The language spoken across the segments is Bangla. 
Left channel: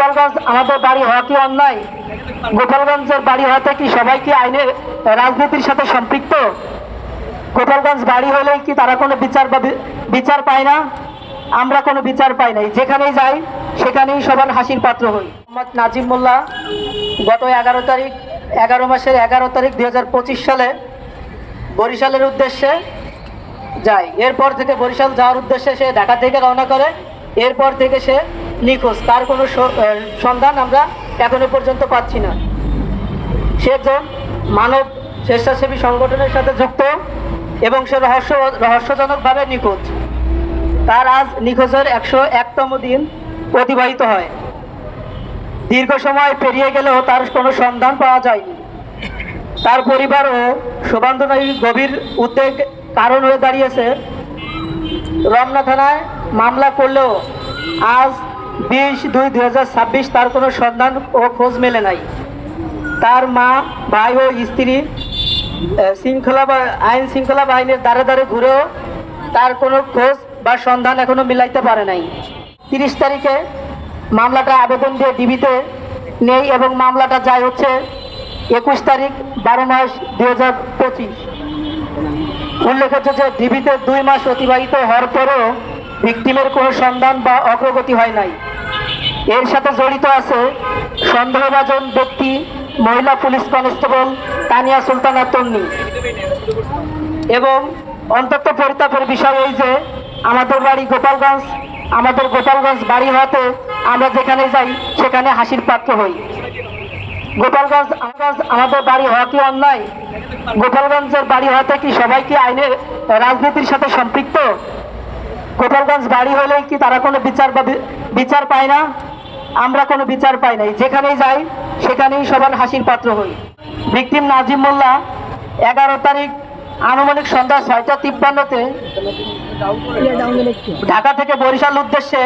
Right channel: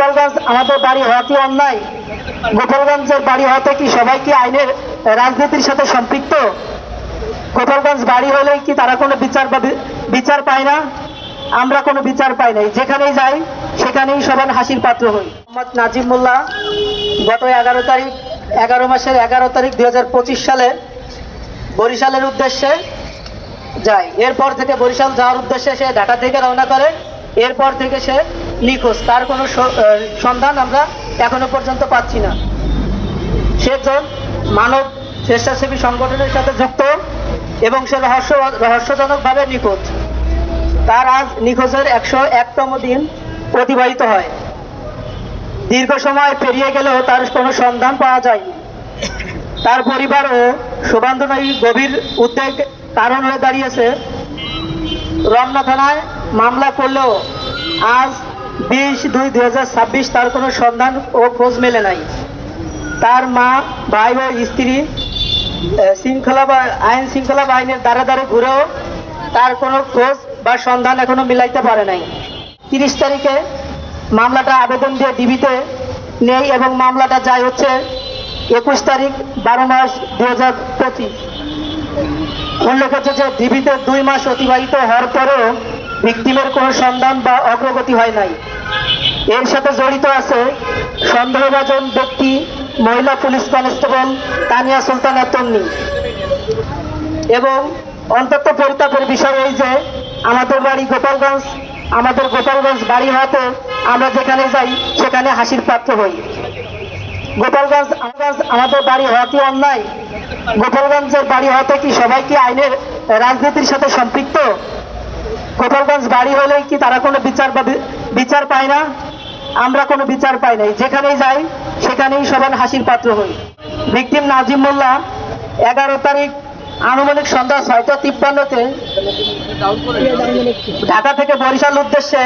গোপালগঞ্জ আমাদের বাড়ি হওয়া কি অন্যায়? গোপালগঞ্জের বাড়ি হওয়াতে কি সবাই কি আইনের রাজনীতির সাথে সম্পৃক্ত? গোপালগঞ্জ বাড়ি হলেই কি তারা কোনো বিচার পায় না? আমরা কোনো বিচার পাই নাই। যেখানেই যাই সেখানেই সবার হাসির পাত্র হই। মোহাম্মদ নাজিম মোল্লা গত 11 মাসের 11 তারিখ 2025 সালে বরিশালের উদ্দেশ্যে যায়। এরপর থেকে বরিশাল যাওয়ার উদ্দেশ্যে সে ঢাকা থেকে রওনা করে। এরপর থেকে সে নিখোঁজ, তার কোনো সন্ধান আমরা এখনো পর্যন্ত পাচ্ছি না। সে একজন মানব স্বেচ্ছাসেবী সংগঠনের সাথে যুক্ত এবং সে রহস্যজনকভাবে নিখোঁজ। তার আজ নিখোঁজের 101তম দিন অতিবাহিত হয়। দীর্ঘ সময় পেরিয়ে গেলেও তার কোনো সন্ধান পাওয়া যায়নি। তার পরিবার ও শুভান্ধনারীর গভীর উদ্বেগ কারণ হয়ে দাঁড়িয়েছে। রমনা থানায় মামলা করলেও আজ 20/2/2026 তার কোনো সন্ধান ও খোঁজ মেলে নাই। তার মা, ভাই ও স্ত্রী আইন শৃঙ্খলা বাহিনীর দ্বারে দ্বারে ঘুরেও তার কোনো খোঁজ বা সন্ধান এখনো মিলাইতে পারে নাই। 30 তারিখে মামলাটা আবেদন দিয়ে ডিবিতে নেই এবং মামলাটা যায় হচ্ছে 21 তারিখ 12 মাস 2025। উল্লেখ হচ্ছে যে ডিবিতে 2 মাস অতিবাহিত হওয়ার পরেও ভিকটিমের কোনো সন্ধান বা অগ্রগতি হয় নাই। এর সাথে জড়িত আছে সন্দেহভাজন ব্যক্তি মহিলা পুলিশ কনস্টেবল তানিয়া সুলতানা তন্নি। এবং অন্তত পরিতাপের বিষয় এই যে আমাদের গোপালগঞ্জ বাড়ি হতে আমরা যেখানে যাই সেখানে হাসির পাত্র হই। গোপালগঞ্জ আমাদের বাড়ি হওয়া কি অন্যায়? গোপালগঞ্জের বাড়ি হতে কি সবাই কি আইনের রাজনীতির সাথে সম্পৃক্ত? গোপালগঞ্জ বাড়ি হলেই কি তারা কোনো বিচার পায় না? আমরা কোনো বিচার পাই নাই। যেখানেই যাই সেখানেই সবার হাসির পাত্র হই। ভিকটিম নাজিম মোল্লা 11 তারিখ আনুমানিক সন্ধ্যা 6:53-তে ঢাকা থেকে বরিশাল উদ্দেশ্যে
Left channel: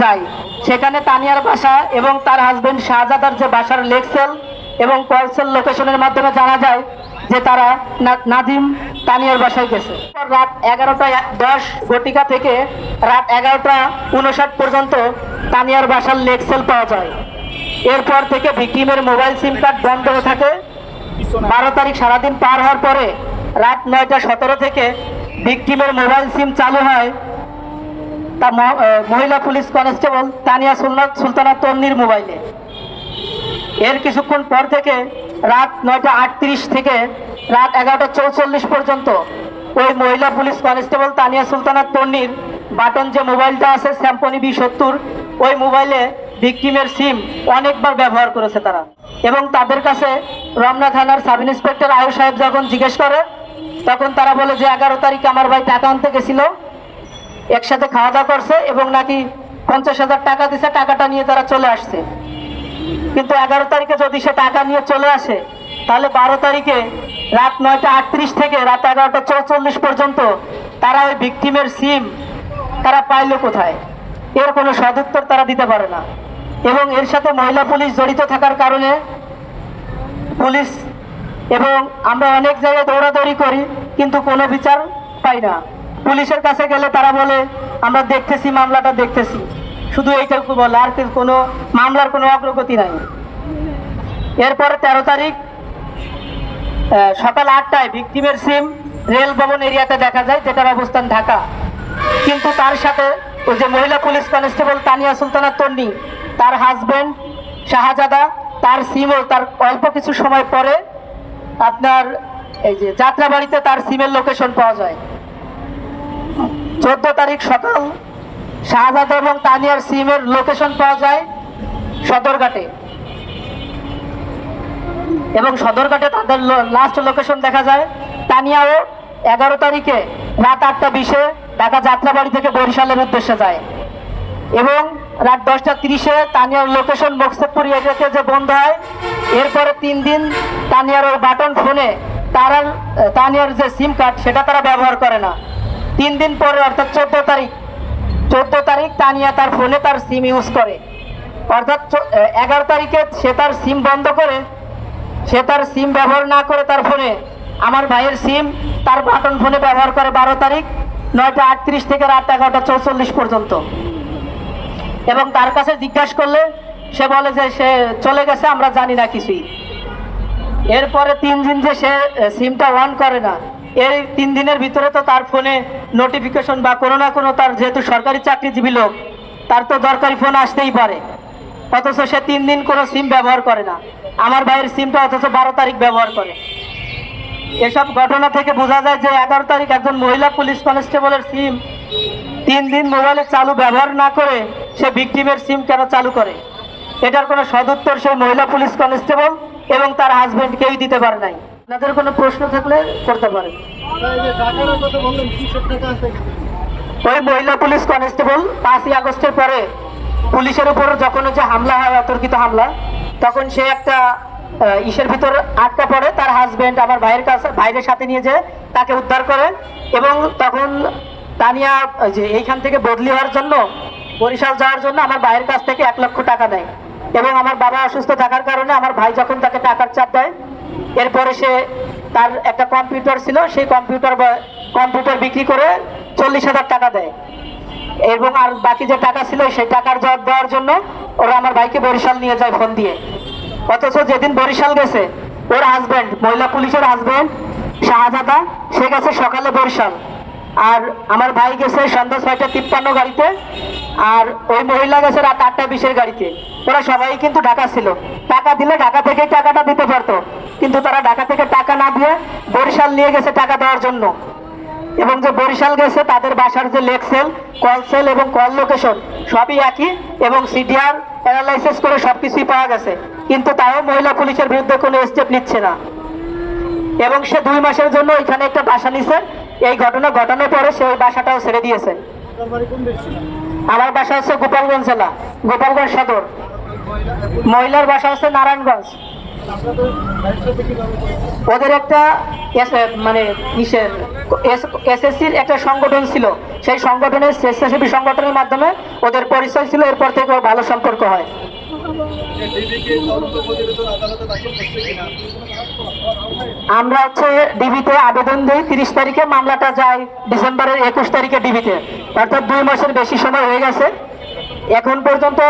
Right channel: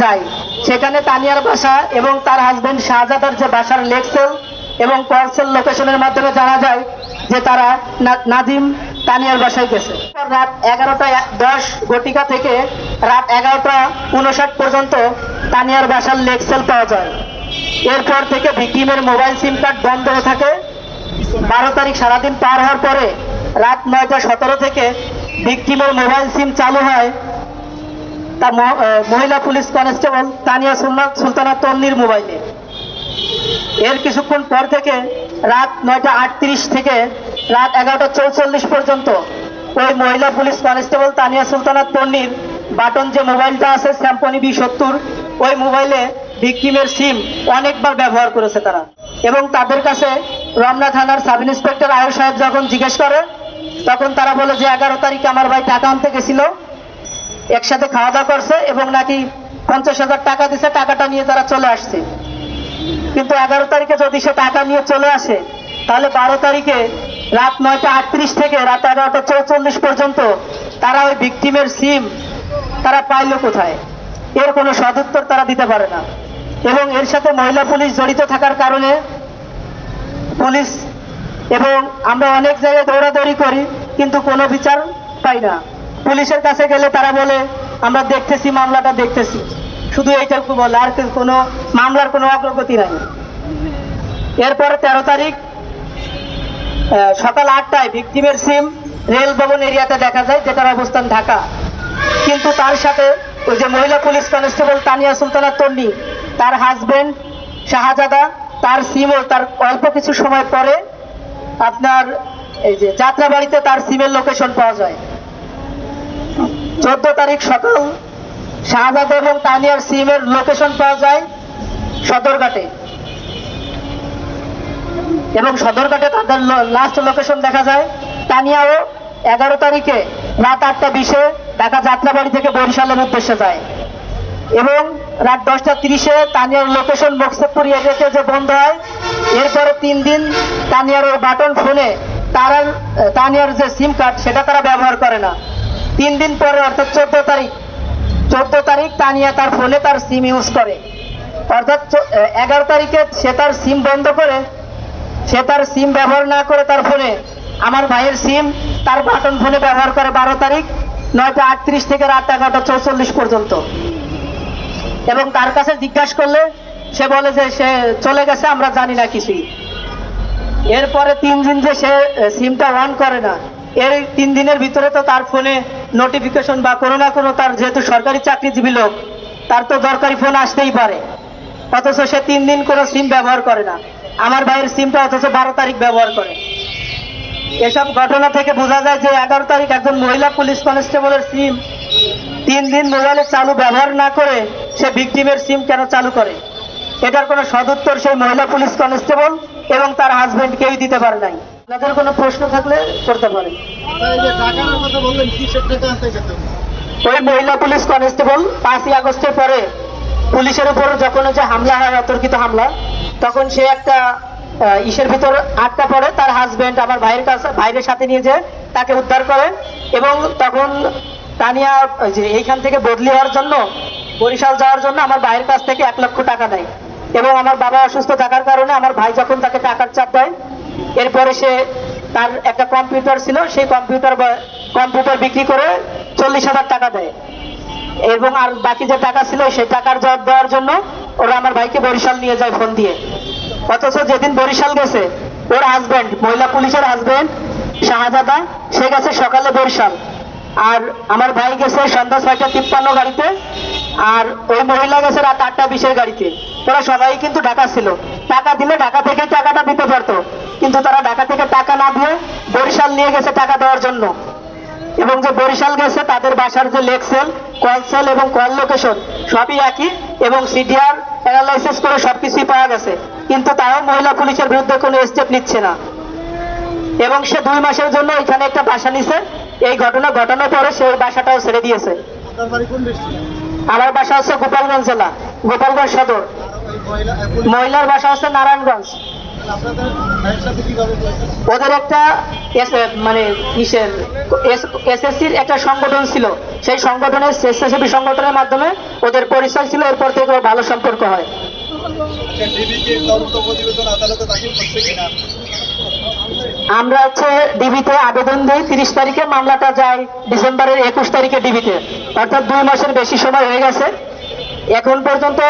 যায়। সেখানে তানিয়ার বাসা এবং তার হাজবেন্ড শাহজাদার যে বাসার লেকসেল এবং কলসেল লোকেশনের মাধ্যমে জানা যায় যে তারা নাজিম তানিয়ার বাসায় গেছে। রাত 11:10 থেকে রাত 11:59 পর্যন্ত তানিয়ার বাসার লেকসেল পাওয়া যায়। এরপর থেকে ভিকটিমের মোবাইল সিম কার্ড বন্ধ হয়ে থাকে। 12 তারিখ সারাদিন পার হওয়ার পরে রাত 9:17 থেকে ভিকটিমের মোবাইল সিম চালু হয় তার মহিলা পুলিশ কনস্টেবল তানিয়া সুলতানা তন্নির মোবাইলে। এর কিছুক্ষণ পর থেকে রাত 9:38 থেকে রাত 11:44 পর্যন্ত ওই মহিলা পুলিশ কনস্টেবল তানিয়া সুলতানা তন্নির বাটন যে মোবাইলটা আছে স্যামসং V70, ওই মোবাইলে ভিকটিমের সিম অনেকবার ব্যবহার করেছে তারা। এবং তাদের কাছে রমনা থানার সাব ইন্সপেক্টর আয়ুষ সাহেব যখন জিজ্ঞেস করে তখন তারা বলে যে 11 তারিখে আমার ভাই টাকা আনতে গেছিল, একসাথে খাওয়া দাওয়া করছে এবং নাকি 50,000 টাকা দিছে, টাকাটা নিয়ে তারা চলে আসছে। কিন্তু 11 তারিখে যদি সে টাকা নিয়ে চলে আসে তাহলে 12 তারিখে রাত 9:38 থেকে রাত 11:44 পর্যন্ত তারা ওই ভিকটিমের সিম তারা পাইল কোথায়? এর কোনো সদুত্তর তারা দিতে পারে না। এবং এর সাথে মহিলা পুলিশ জড়িত থাকার কারণে পুলিশ এবং আমরা অনেক জায়গায় দৌড়াদৌড়ি করি কিন্তু কোনো বিচার পাই না। পুলিশের কাছে গেলে তারা বলে আমরা দেখতেছি, মামলাটা দেখতেছি, শুধু এইটুকু বলে, আর কোনো মামলার কোনো অগ্রগতি নাই। এরপরে 13 তারিখ সকাল 8টায় ভিকটিমের সিম রেল ভবন এরিয়াতে দেখা যায়, যেটার অবস্থান ঢাকা। কিন্তু তার সাথে ওই যে মহিলা পুলিশ কনস্টেবল তানিয়া সুলতানা তন্নি, তার হাজবেন্ড শাহজাদা, তার সিমও তার অল্প কিছু সময় পরে আপনার এই যে যাত্রাবাড়িতে তার সিমের লোকেশন পাওয়া যায়। 14 তারিখ সকাল শাহজাদা এবং তানিয়ার সিমের লোকেশন পাওয়া যায় সদরঘাটে এবং সদরঘাটে তাদের লাস্ট লোকেশন দেখা যায়। তানিয়াও 11 তারিখে রাত 8:20-এ ঢাকা যাত্রাবাড়ি থেকে বরিশালের উদ্দেশ্যে যায় এবং রাত 10:30-এ তানিয়ার লোকেশন মকসুদপুর এরিয়াতে যে বন্ধ হয়। এরপরে 3 দিন তানিয়ার ওই বাটন ফোনে তানিয়ার যে সিম কার্ড সেটা তারা ব্যবহার করে না। 3 দিন পরে অর্থাৎ 14 তারিখ তানিয়া তার ফোনে তার সিম ইউজ করে। অর্থাৎ 11 তারিখে সে তার সিম বন্ধ করে, সে তার সিম ব্যবহার না করে তার ফোনে আমার ভাইয়ের সিম তার বাটন ফোনে ব্যবহার করে 12 তারিখ 9:38 থেকে রাত 11:44 পর্যন্ত। এবং তার কাছে জিজ্ঞাসা করলে সে বলে যে সে চলে গেছে, আমরা জানি না কিছুই। এরপরে 3 দিন যে সে সিমটা অন করে না, এর 3 দিনের ভিতরে তো তার ফোনে নোটিফিকেশন বা কোনো না কোনো, তার যেহেতু সরকারি চাকরিজীবী লোক, তার তো দরকারি ফোন আসতেই পারে। অথচ সে 3 দিন কোনো সিম ব্যবহার করে না। আমার ভাইয়ের সিমটা অথচ 12 তারিখ ব্যবহার করে। এসব ঘটনা থেকে বোঝা যায় যে 11 তারিখ একজন মহিলা পুলিশ কনস্টেবলের সিম 3 দিন মোবাইলে চালু ব্যবহার না করে সে ভিকটিমের সিম কেন চালু করে। এটার কোনো সদুত্তর সেই মহিলা পুলিশ কনস্টেবল এবং তার হাজবেন্ড কেউই দিতে পারে নাই। আপনাদের কোনো প্রশ্ন থাকলে করতে পারেন। ওই মহিলা পুলিশ কনস্টেবল 5ই আগস্টের পরে পুলিশের উপর যখন যে হামলা হয়, অতর্কিত হামলা, তখন সে একটা ইসের ভিতর আটকা পড়ে। তার হাজবেন্ড আমার ভাইয়ের সাথে নিয়ে যায়, তাকে উদ্ধার করে। এবং তখন তানিয়া যে এইখান থেকে বদলি হওয়ার জন্য, বরিশাল যাওয়ার জন্য আমার ভাইয়ের কাছ থেকে 1 লক্ষ টাকা নেয়। এবং আমার বাবা অসুস্থ থাকার কারণে আমার ভাই যখন তাকে টাকার চাপ দেয়, এরপরে সে তার একটা কম্পিউটার ছিল, সেই কম্পিউটার বিক্রি করে 40,000 টাকা দেয়। এবং আর বাকি যে টাকা ছিল সেই টাকার জবাব দেওয়ার জন্য ওরা আমার ভাইকে বরিশাল নিয়ে যায় ফোন দিয়ে। অথচ যেদিন বরিশাল গেছে, ওর হাজবেন্ড, মহিলা পুলিশের হাজবেন্ড শাহজাদা, সে গেছে সকালে বরিশাল, আর আমার ভাই গেছে সন্ধ্যা 6:53 গাড়িতে, আর ওই মহিলা গেছে রাত 8:20 গাড়িতে। ওরা সবাই কিন্তু ঢাকা ছিল। টাকা দিলে ঢাকা থেকে টাকাটা দিতে পারতো, কিন্তু তারা ঢাকা থেকে টাকা না দিয়ে বরিশাল নিয়ে গেছে টাকা দেওয়ার জন্য। এবং যে বরিশাল গেছে তাদের বাসার যে লেকসেল, কল সেল এবং কল লোকেশন সবই একই, এবং সিডিআর অ্যানালাইসিস করে সবকিছুই পাওয়া গেছে। কিন্তু তাও মহিলা পুলিশের বিরুদ্ধে কোনো স্টেপ নিচ্ছে না। এবং সে 2 মাসের জন্য এখানে একটা বাসা নিছে। এই ঘটনা ঘটানোর পরে সে ওই বাসাটাও ছেড়ে দিয়েছে। আমার বাসা হচ্ছে গোপালগঞ্জ জেলা, গোপালগঞ্জ সদর। মহিলার বাসা হচ্ছে নারায়ণগঞ্জ। ওদের একটা মানে এসএসসির একটা সংগঠন ছিল, সেই সংগঠনের স্বেচ্ছাসেবী সংগঠনের মাধ্যমে ওদের পরিচয় ছিল। এরপর থেকে ভালো সম্পর্ক হয়। আমরা হচ্ছে ডিবিতে আবেদন দিই 30 তারিখে, মামলাটা যায় ডিসেম্বরের 21 তারিখে ডিবিতে, অর্থাৎ 2 মাসের বেশি সময় হয়ে গেছে। এখন পর্যন্ত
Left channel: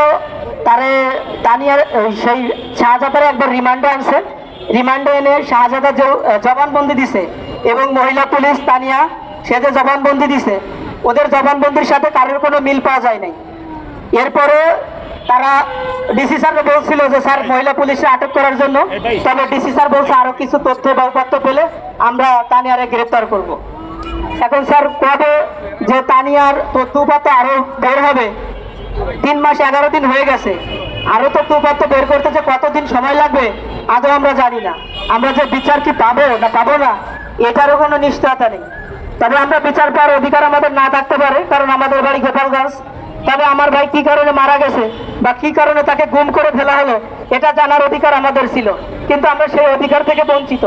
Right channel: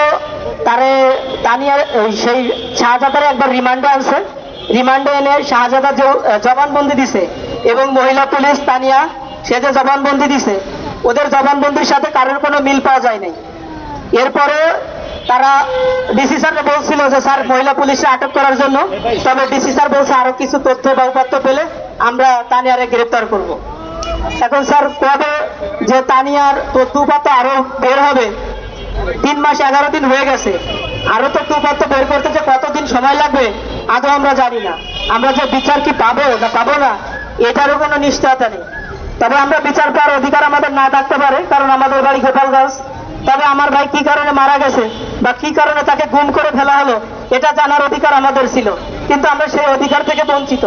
তানিয়া সেই শাহজাদার একবার রিমান্ডে আনছে। রিমান্ডে এনে শাহজাদা যে জবানবন্দি দিছে, এবং মহিলা পুলিশ তানিয়া সে যে জবানবন্দি দিছে, ওদের জবানবন্দির সাথে কারোর কোনো মিল পাওয়া যায় নাই। এরপরে তারা ডিসি স্যারকে বলছিল যে স্যার মহিলা পুলিশে আটক করার জন্য, তবে ডিসি স্যার বলছে আরো কিছু তথ্য বা উপাত্ত পেলে আমরা তানিয়ারে গ্রেপ্তার করব। এখন স্যার কবে যে তানিয়ার তথ্য উপাত্ত আরো বের হবে, 3 মাস 11 দিন হয়ে গেছে, আরো তথ্য উপাত্ত বের করতে যে কতদিন সময় লাগবে আদৌ আমরা জানি না। আমরা যে বিচার কি পাবো না পাবো না এটারও কোনো নিশ্চয়তা নেই। তবে আমরা বিচার পাওয়ার অধিকার আমাদের না থাকতে পারে, কারণ আমাদের বাড়ি গোপালগঞ্জ। তবে আমার ভাই কি কারণে মারা গেছে বা কি কারণে তাকে গুম করে ফেলা হলো, এটা জানার অধিকার আমাদের ছিল, কিন্তু আমরা সেই অধিকার থেকে বঞ্চিত।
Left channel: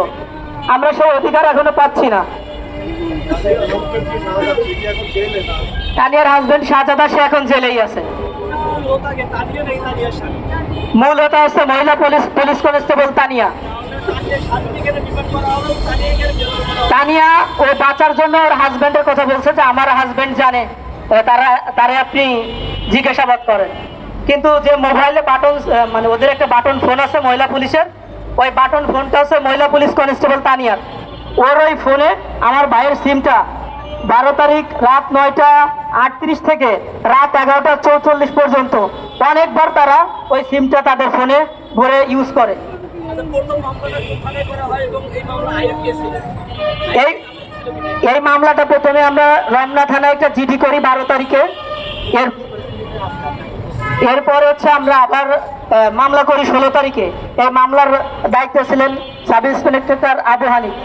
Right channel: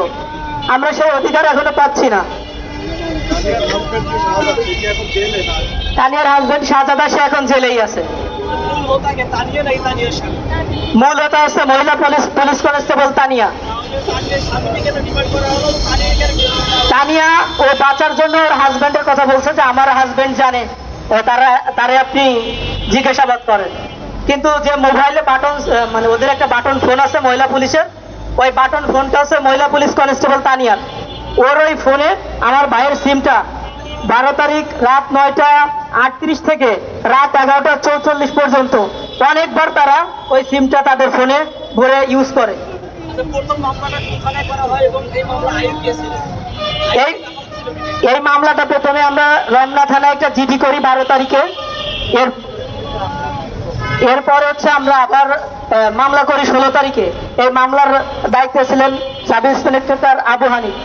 আমরা সেই অধিকার এখনো পাচ্ছি না। তানিয়ার হাজবেন্ড শাহজাদা সে এখন জেলেই আছে। মূল হতা হচ্ছে মহিলা পুলিশ কনস্টেবল তানিয়া। তানিয়া ও বাঁচার জন্য ওর হাজবেন্ডের কথা বলছে যে আমার হাজবেন্ড জানে, তারে আপনি জিজ্ঞাসাবাদ করেন। কিন্তু যে মোবাইলে বাটন, মানে ওদের একটা বাটন ফোন আছে মহিলা পুলিশের, ওই বাটন ফোনটা হচ্ছে মহিলা পুলিশ কনস্টেবল তানিয়ার। ওর ওই ফোনে আমার ভাইয়ের সিমটা 12 তারিখ রাত 9:38 থেকে রাত 11:44 পর্যন্ত অনেকবার তারা ওই সিমটা তাদের ফোনে ভরে ইউজ করে। এই মামলাটা প্রথমে আমরা রমনা থানায় একটা জিডি করি 12 তারিখে। এরপর হচ্ছে আমরা আবার মামলা করি 16 তারিখে। এই মামলার দায়িত্বে ছিলেন সাব ইন্সপেক্টর আবু হানিফ।